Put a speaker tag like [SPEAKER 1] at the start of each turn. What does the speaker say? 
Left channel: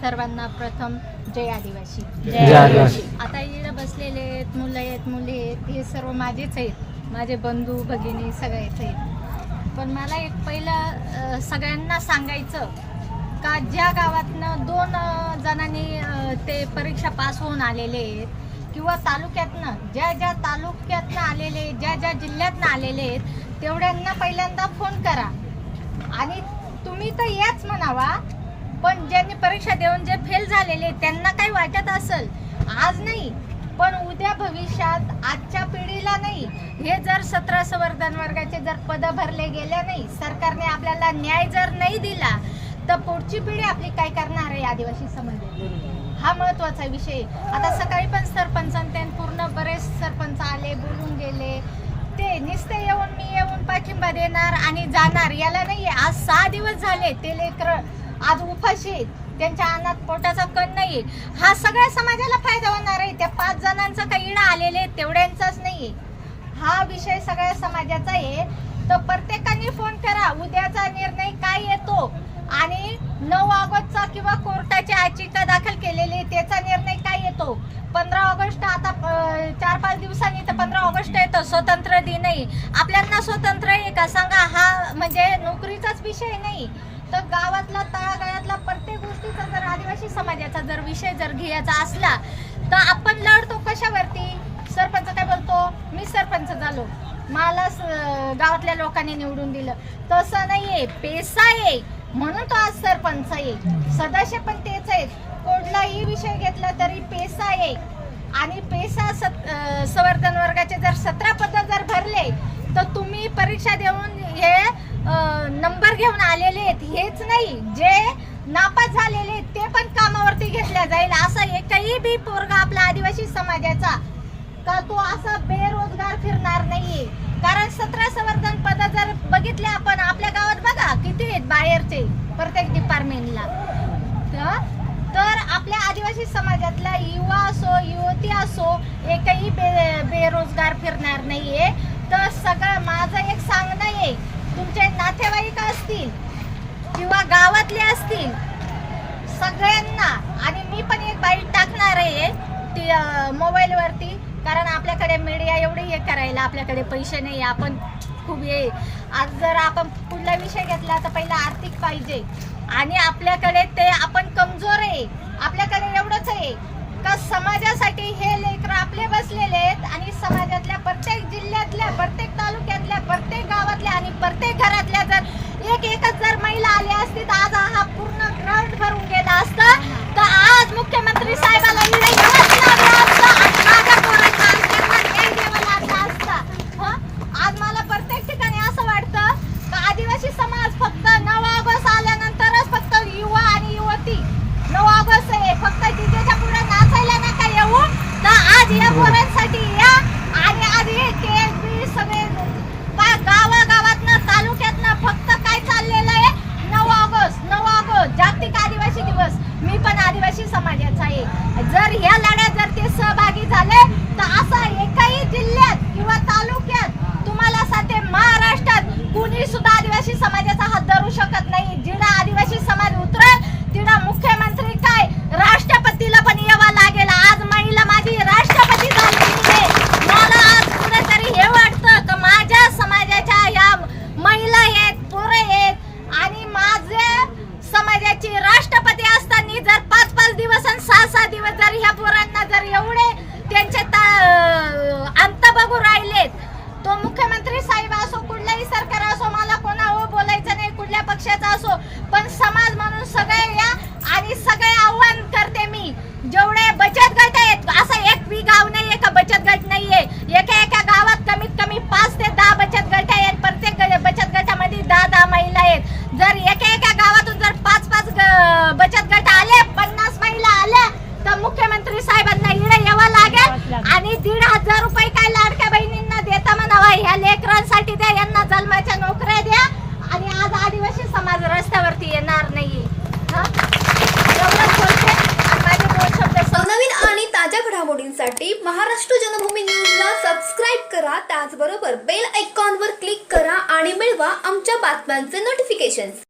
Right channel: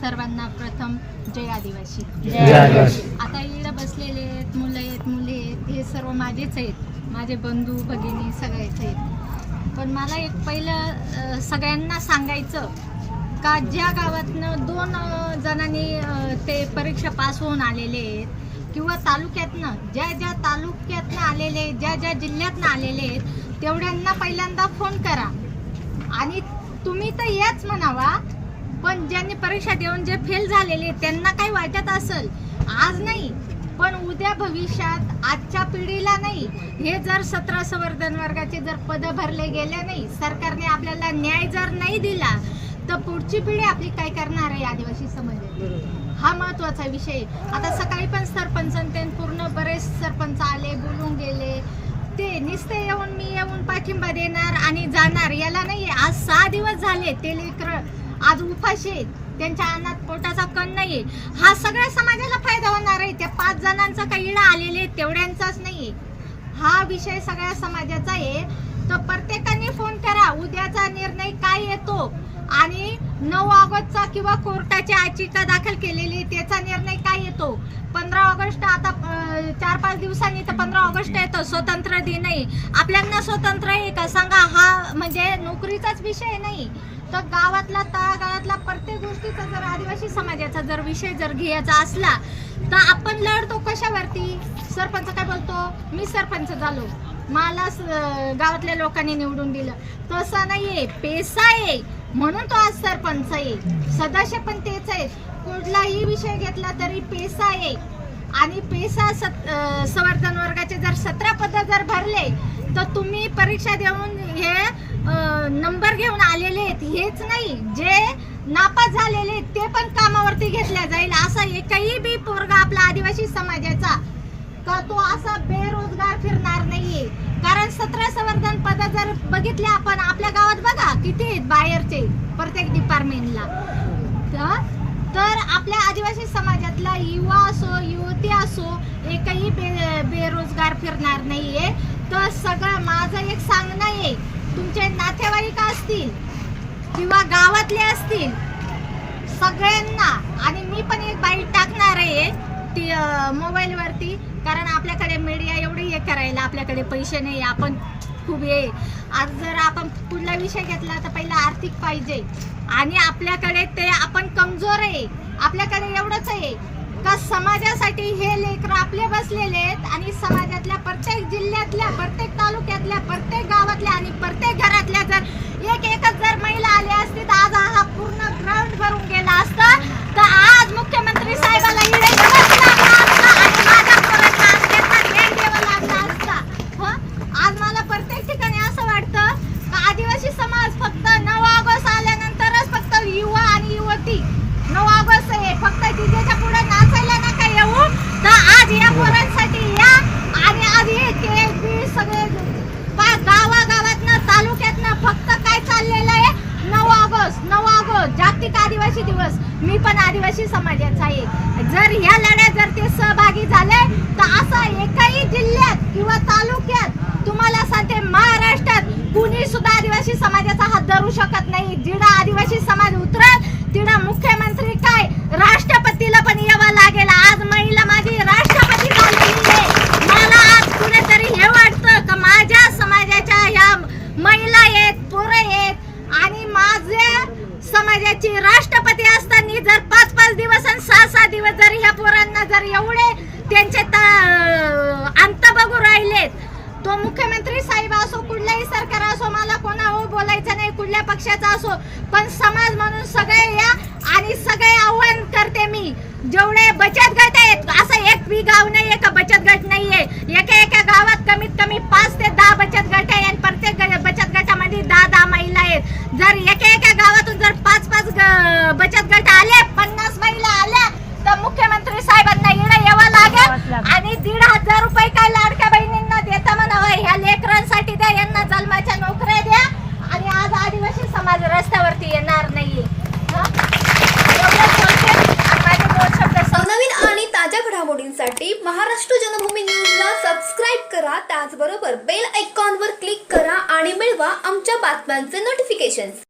[SPEAKER 1] सर्वांना प्रथम जय आदिवासी.
[SPEAKER 2] जय आदिवासी.
[SPEAKER 1] आता इकडे बसलेले आहेत मुलं आहेत मुली आहेत हे सर्व माझेच आहेत. माझे बंधू भगिनी सगळेच आहेत. पण मला एक पहिलं सगळ्यांना सांगायचं का ज्या गावातनं दोन जणांनी ते परीक्षा पास होऊन आलेले आहेत किंवा तालुक्यातनं ज्या ज्या तालुक्यातनं आलेले ज्या ज्या जिल्ह्यातनं आलेले आहेत तेवढ्यांना पहिल्यांदा फोन करा. आणि तुम्ही तर याच म्हणावा पण ज्यांनी परीक्षा देऊन जे फेल झालेले त्यांना काय वाटत असेल. आज नाही पण उद्या भविष्यात आजच्या पिढीला नाही. हे जर सतरा संवर्धन वर्गाचे जर पदं भरले गेले नाही सरकारने आपल्याला न्याय जर नाही दिला तर पुढची पिढी आपली काय करणार आहे आदिवासी समाज हा महत्त्वाचा विषय. आता सकाळी पण सरपंच आणि पूर्ण बरेच सरपंच आले बोलून गेले. ते निस्ते येऊन मी येऊन पाठिंबा देणार आणि जाणार याला नाही आज सहा दिवस झाले ते लेकर आज उपाशी आहेत. त्यांच्या अन्नात पोटाचा कण नाही हा सगळ्या समाजाला फायदा होणार आहे. त्या पाच जणांचा काही इडा आलेले आहेत, तेवढ्यांचाच नाही हा विषय सगळ्या समाजाचा आहे. तर प्रत्येकाने फोन करा. उद्याचा निर्णय काय येतो? आणि नऊ ऑगस्टचा किंवा कोर्टाची याचिका दाखल केलेली त्याचा निर्णय काय येतो? पंधरा ऑगस्ट आता चार पाच दिवसांनी तर पंधरा ऑगस्ट येतो स्वतंत्र दिनही. आपल्यांना स्वतंत्र आहे का? सांगा हा म्हणजे नोकरीचाच विषय नाही. तर गावातला तळागाळातला प्रत्येक गोष्टीचा जर आदिवासी समाजाचा जर विषय जर घ्यायचा असला तर आपण लढतो कशावरती? सरपंच काय बोलतो? मी सरपंच झालो. मला स- गावातल्या लोकांनी निवडून दिलं. तसं नाही आहे पेसा आहे. म्हणून तो आज सरपंच आहे. सदस्य पण तेच आहे. कुठलाही विषय घेतला तरी पेसा आहे. आणि पेसा सत- संवर्धन वर्गाचे जर सतरा पद जर भरले तर तुम्ही परीक्षा देऊन हे नंबर घेऊन आलेले आहेत. हेच नाही जे नापास झालेले आहेत ते पण कामावरती घेतल्या जाईल. असा एकही बी पोरगा आपला आदिवासी समाजाचा का तो असा बेरोजगार फिरणार नाहीये कारण सतरा संवर्धन पद जर बघितले आपण आपल्या गावात बघा किती आहेत बाहेरचे प्रत्येक डिपार्टमेंटला तर तर आपल्या आदिवासी समाजातला युवा असो युवती असो एकही बे बेरोजगार फिरणार नाहीये. तर सगळं माझं एक सांगणं आहे तुमचे नातेवाईक असतील किंवा गावातले असतील सगळ्यांना आणि मी पण एक बाईट टाकणार आहे ती मोबाईल वरती कारण आपल्याकडे मीडिया एवढी हे करायला आपल्याकडे पैसे नाही आपण खूप ये आज जर आपण कुठला विषय घेतला तर पहिला आर्थिक पाहिजे. आणि आपल्याकडे ते आपण कमजोर आहे. आपल्याकडे एवढंच आहे. का समाजासाठी हे लेकर आपले बसलेले आहेत आणि समाजातल्या प्रत्येक जिल्ह्यातल्या प्रत्येक तालुक्यातल्या प्रत्येक गावातल्या आणि प्रत्येक घरातल्या जर एक एकच जर महिला आली असती तर आज हा पूर्ण ग्राउंड भरून गेला असता तर आज मुख्यमंत्री साहेबाला इकडे दिवस लागला असता आणि माझ्या पोरांना आज यांना न्याय द्यावा लागला असता. हं? आज मला प्रत्येक ठिकाणी असं वाटतं का आदिवासी समाज फक्त नऊ ऑगस्ट आल्यानंतरच फक्त युवा आणि युवती नऊ ऑगस्ट आहे फक्त डीजेच्या पुढे नाचायला नका येऊ तर आज या पोरांसाठी या आणि आज हे KSB सगळे पा- गावागावातनं तालुक्यातनं फक्त काय चाललेलं आहे नऊ ऑगस्ट नऊ ऑगस्ट जागतिक आदिवासी दिवस मी पण आदिवासी समाजाचा आहे जर ह्या लढ्यात जर ते सहभागी झाले तर असा एकही जिल्ह्यात किंवा तालुक्यात तुम्हाला सांगते महाराष्ट्रात कुणी सुद्धा आदिवासी करू शकत नाही. जिडा आदिवासी समाज उतरत तिडा मुख्यमंत्री काय राष्ट्रपतीला पण यावं लागेल आज महिला माझी राष्ट्रपती झालेली आहे मला आज कुठेतरी हे वाटतं का माझ्या समाजाच्या ह्या महिला आहेत पोरं आहेत आणि माझ्या समाजाची राष्ट्रपती असताना जर पाच पाच दिवस आणि सहा सहा दिवस जर ह्या पोरांना जर एवढे त्यांचे त- अंत बघू राहिलेत तो मुख्यमंत्री साहेब असो कुठलाही सरकार असो मला कोणा हो बोलायचं नाही कुठल्या पक्षाचा असो पण समाज म्हणून सगळे या आणि सगळे आव्हान करते मी. जेवढे बचत गट आहेत असं एक बी गाव नाहीये का बचत गट नाहीये? एका एका गावात कमीत कमी पाच ते दहा बचत गट आहे आणि प्रत्येक बचत गटामध्ये दहा दहा महिला आहेत. जर एका एका गावातून जर पाच पाच बचत गट आले पन्नास महिला आल्या तर मुख्यमंत्री साहेबांना इकडे यावं लागेल आणि दीड हजार रुपये काय लाडक्या बहिणींना देता म्हणावा? ह्या लेकरांसाठी द्या यांना जन्माच्या नोकऱ्या द्या. आदिवासी समाज रस्त्यावरती येणार नाही
[SPEAKER 3] नवीन आणि ताज्या घडामोडींसाठी महाराष्ट्र जनभूमी न्यूजला सबस्क्राईब करा. त्याचबरोबर बेल आयकॉनवर क्लिक करा आणि मिळवा आमच्या बातम्यांचे नोटिफिकेशन्स